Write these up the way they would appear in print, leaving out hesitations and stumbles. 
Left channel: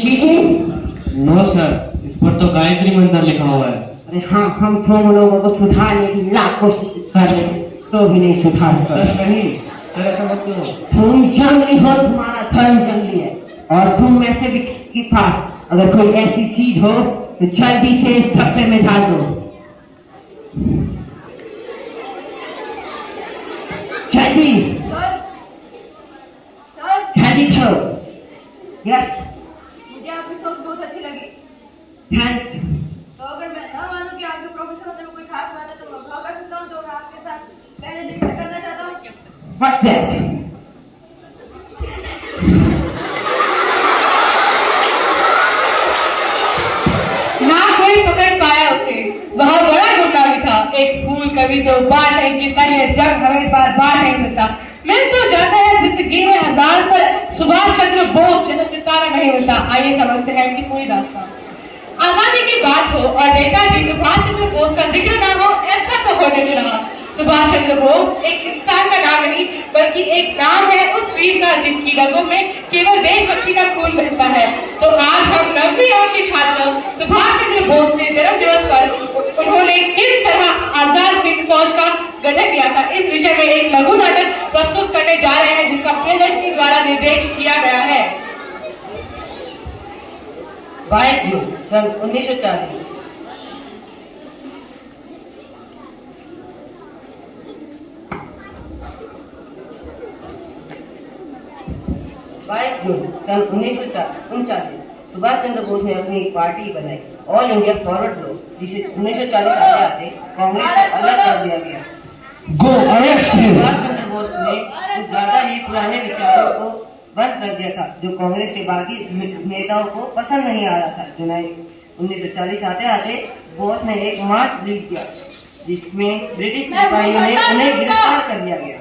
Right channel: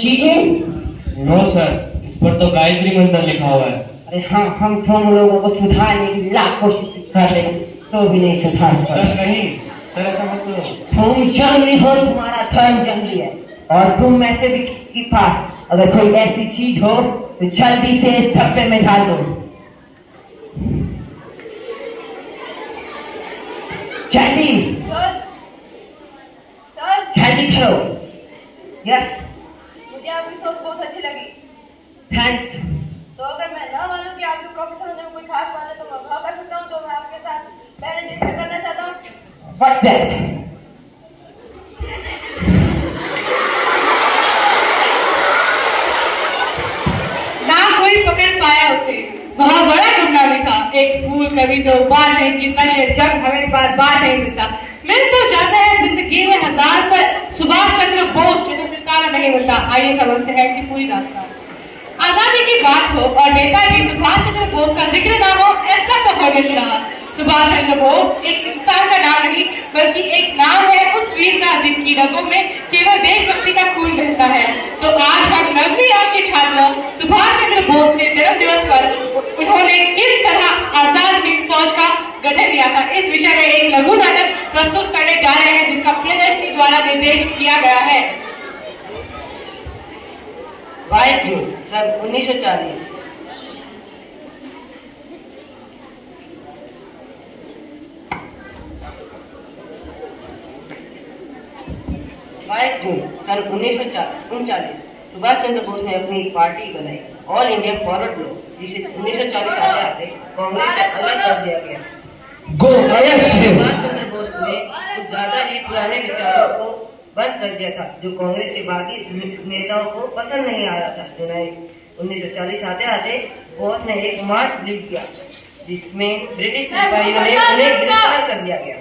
Cheating? No sir, इस पर तो गायत्री मंत्र लिखा हुआ है। अरे हाँ, हम तुम लोगों को सुधारने की लाख कोशिश कर रहे हैं, तो भी नहीं सुधार सर सकते। नहीं, सर ऐसा मत करो। तुम जंगली हो, तुम्हारा धर्म जंगली है, और तुम में से भी किसी के पास अगर कोई ऐसी चीज हो तो जल्दी से इस डब्बे में डाल दो। जल्दी जल्दी करो। यस, मुझे आपकी सोच बहुत अच्छी लगी। थैंक्स। तो अगर मैं ना मानूं कि आपके प्रोफेसर होने में कोई खास बात है, तो मैं भाव कर सकता हूँ जो मैं आपके साथ पहले दिन से करना चाहता हूँ। What's that? ना कोई पकड़ पाया उसे, वह बड़ा गुंडा भी था। एक फूल कभी तो बाल नहीं गिरता है, जब हमें पास बाल नहीं मिलता। मिल तो जाता है जिंदगी में हजार, पर सुभाष चंद्र बोस जैसा सितारा नहीं मिलता। आइए समझते हैं कि पूरी दास्तान। आजादी की बात हो और नेताजी सुभाष चंद्र बोस का जिक्र ना हो, ऐसा तो हो नहीं रहा। सुभाष चंद्र बोस एक इंसान का नाम नहीं, बल्कि एक नाम है उस वीर का जिनकी रगों में केवल देशभक्ति का खून बहता है। तो आज हम नवीं आपके छात्र सुभाष चंद्र बोस के जन्म दिवस पर उन्होंने किस तरह आजाद हिंद फौज का गठन किया था, इस विषय में एक लघु नाटक प्रस्तुत करने जा रहे हैं, जिसका प्रियदर्शनी द्वारा निर्देश किया गया है। 22 जून सन 1940। जून सन 1939 सुभाष चंद्र बोस ने अपनी एक पार्टी बनाई, ऑल इंडिया फॉरवर्ड ब्लॉक, जिसे 1940 आते आते कांग्रेस से अलग कर दिया गया। गो अरेस्ट हिम। सुभाष चंद्र बोस ने कुछ ज्यादा ही पुराने विचारों को बंद कर दिया था, जो कांग्रेस के बाकी नेताओं को पसंद नहीं आ रहा था। जुलाई 1940 आते आते बोस ने एक मार्च लीड किया, जिसमें ब्रिटिश सिपाहियों ने उन्हें गिरफ्तार कर दिया गया।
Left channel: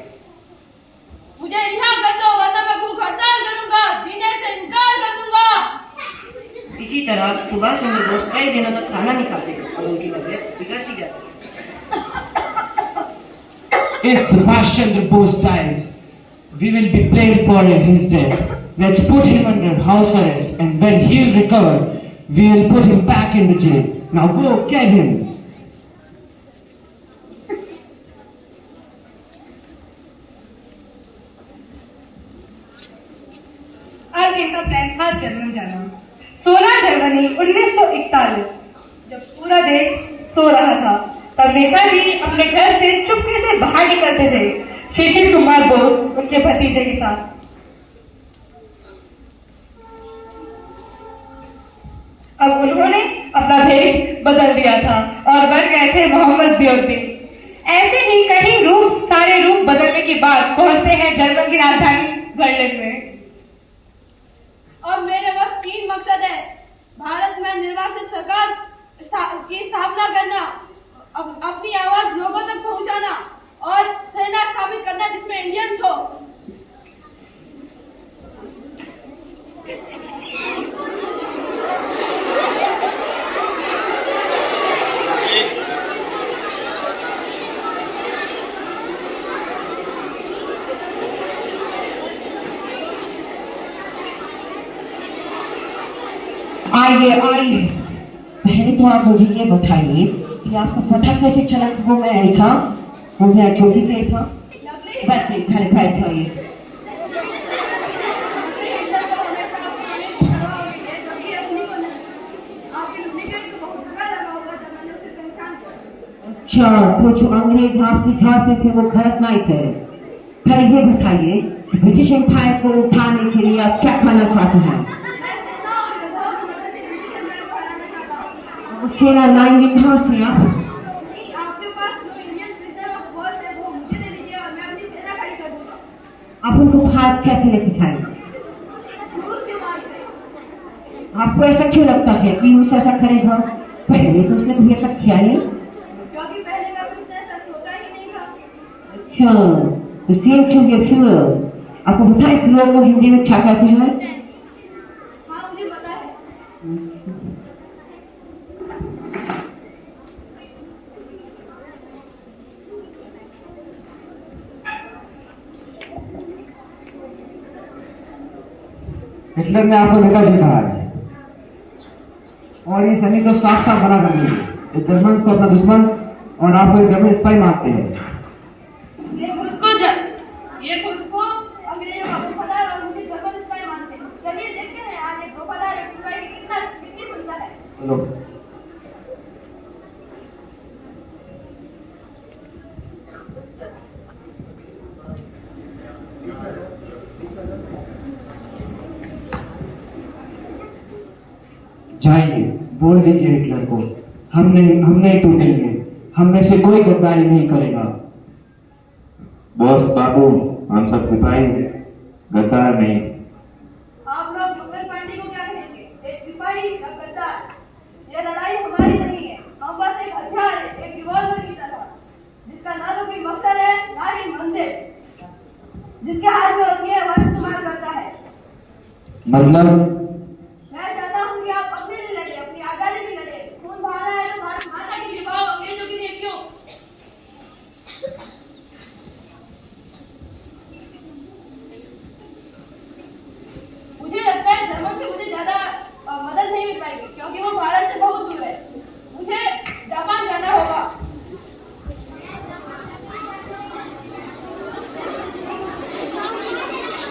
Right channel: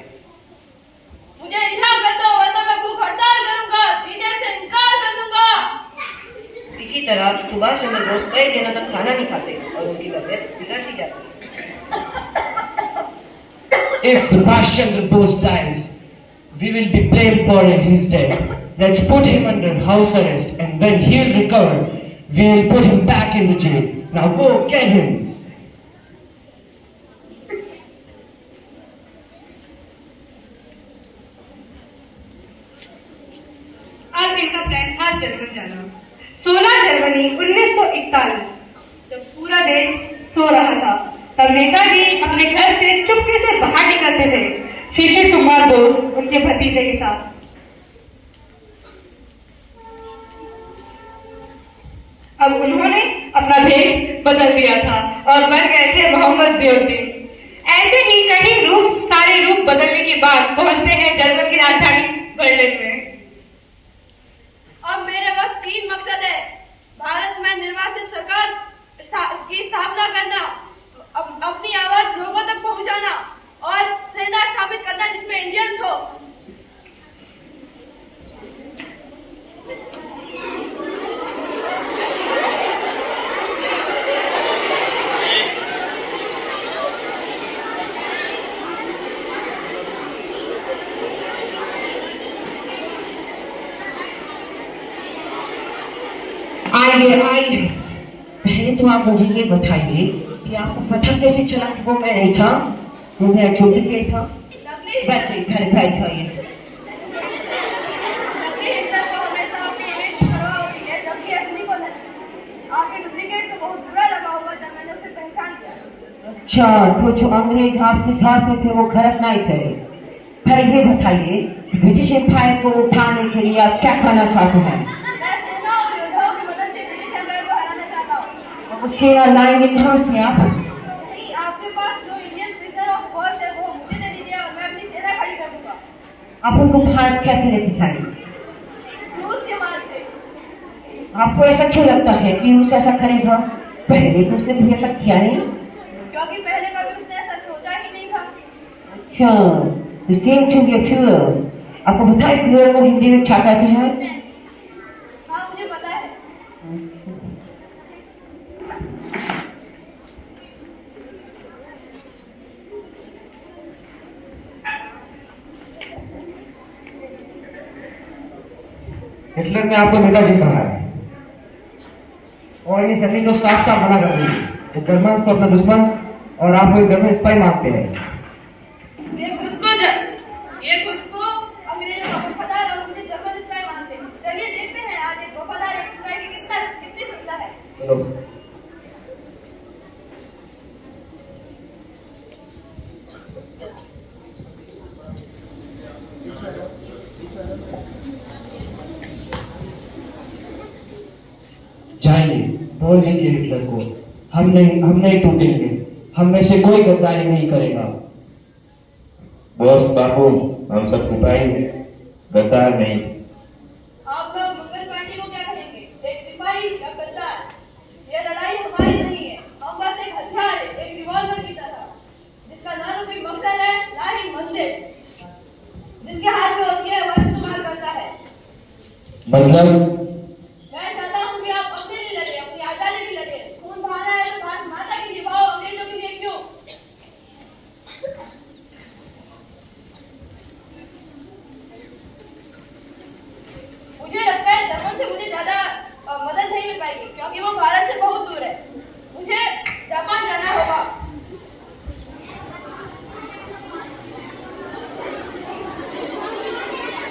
मुझे रिहा कर दो, वरना मैं भूख हड़ताल करूंगा, जीने से इनकार कर दूंगा। इसी तरह सुभाष चंद्र बोस कई दिनों तक खाना नहीं खाते और उनकी तबीयत बिगड़ती जाती। If Subhash Chandra Bose dies, we will be blamed for his death. Let's put him under house arrest, and when he'll recover, we will put him back in the jail. Now go get him. अब इनका plan था German जाना। 16 जनवरी 1941, जब पूरा देश सो रहा था, तब नेताजी अपने घर से चुपके से बाहर निकलते थे, शिशिर कुमार बोस उनके भतीजे के साथ। अब उन्होंने अपना भेष बदल दिया था और बन गए थे मोहम्मद ज़ियाउद्दीन। ऐसे ही कई सारे रूप बदलने के बाद पहुंचते हैं जर्मन की राजधानी बर्लिन में। अब मेरे पास 3 मकसद है। भारत में निर्वासित सरकार की स्थापना करना, अपनी आवाज लोगों तक पहुंचाना और सेना स्थापित करना जिसमें इंडियंस हो। आइए आइए, पहले तो आप मुझे ये बताइए कि आपको पता कैसे चला कि वो मैं नहीं था, वो मेरा चोटी पे था। बस इधर बैठाइए। नकली हिटलर को हमेशा अपनी इमेज की परवाह होती है, जबकि असली को नहीं। आपके डुप्लीकेट को बहुत बुरा लगा होगा जब मैंने उसे पहचान लिया। अच्छा, तो जो अंग्रेज आपके घर पे थे वो गलत नहीं थे। पहले ये बताइए कि ब्रिटिश एम्पायर को उठाने के लिए आप क्या करना चाहते हैं? मैं सेना और योद्धाओं की मदद से ब्रिटिश एम्पायर को हराना चाहता हूँ। वो सेना लाएंगे कहाँ से आप? नहीं, आपके पास जो इंडियन प्रिजनर ऑफ वॉर है वो मुझे दे दीजिए और मैं अपनी सेना खड़ी कर दूंगा। आप उनको भारत कैसे लेके जाएंगे? रूस के मार्ग से। आपको ऐसा क्यों लगता है कि रूस ऐसा करेगा? पहले तो उसने भी ऐसा किया नहीं। क्योंकि पहले कभी उसने ऐसा सोचा ही नहीं था। अच्छा, the same to be a fuel. आपको पता है फ्यूल को हिंदी में क्या कहते हैं? हाँ, मुझे पता है। हिटलर ने आपको नेताजी कहा है। और ये सभी तो साफ साफ मना कर देंगे। जर्मन को अपना दुश्मन और आप वो जर्मन स्पाई मानते हैं। ये खुद को अंग्रेजों का वफादार और मुझे जर्मन स्पाई मानते हैं। चलिए देखते हैं आज एक वफादार एक स्पाई की कितनी सुंदर है। चलो। जाइए, बोल दीजिए हिटलर को हम नहीं टूटेंगे, हम में से कोई गद्दारी नहीं करेगा। बॉस बाबू, हम सब सिपाही हैं, गद्दार नहीं। आप लोग मंगल पांडे को क्या कहेंगे? एक सिपाही या गद्दार? ये लड़ाई हमारी नहीं है, हम बस एक हथियार है, एक रिवॉल्वर की तरह, जिसका ना तो कोई मकसद है ना ही मंजिल। जिसके हाथ में होती है वह इस्तेमाल करता है। मतलब मैं चाहता हूँ कि आप अपने लिए लड़े, अपनी आजादी के लिए लड़े। खून बहाना है तो भारत माता के लिए बहाओ, अंग्रेजों के लिए क्यों? मुझे लगता है जर्मन से मुझे ज्यादा मदद नहीं मिल पाएगी, क्योंकि वो भारत से बहुत दूर है। मुझे जापान जाना होगा।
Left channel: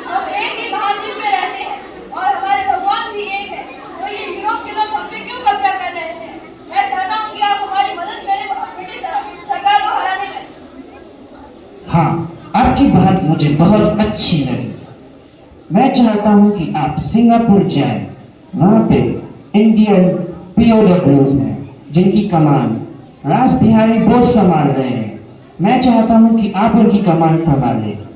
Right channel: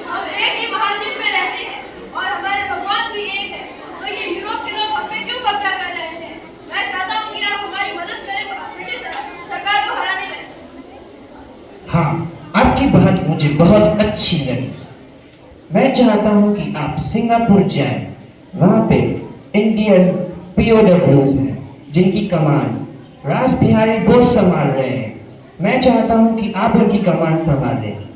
हम एक ही महाद्वीप में रहते हैं और हमारे भगवान भी एक है, तो ये यूरोप के लोग हम पे क्यों कब्जा कर रहे हैं? मैं चाहता हूँ कि आप हमारी मदद करें ब्रिटिश सरकार को हराने में। हाँ, आपकी बात मुझे बहुत अच्छी लगी। मैं चाहता हूँ कि आप सिंगापुर जाएं। वहाँ पे इंडियन POWs हैं, जिनकी कमान रास बिहारी बोस संभाल रहे हैं। मैं चाहता हूँ कि आप उनकी कमान संभालें।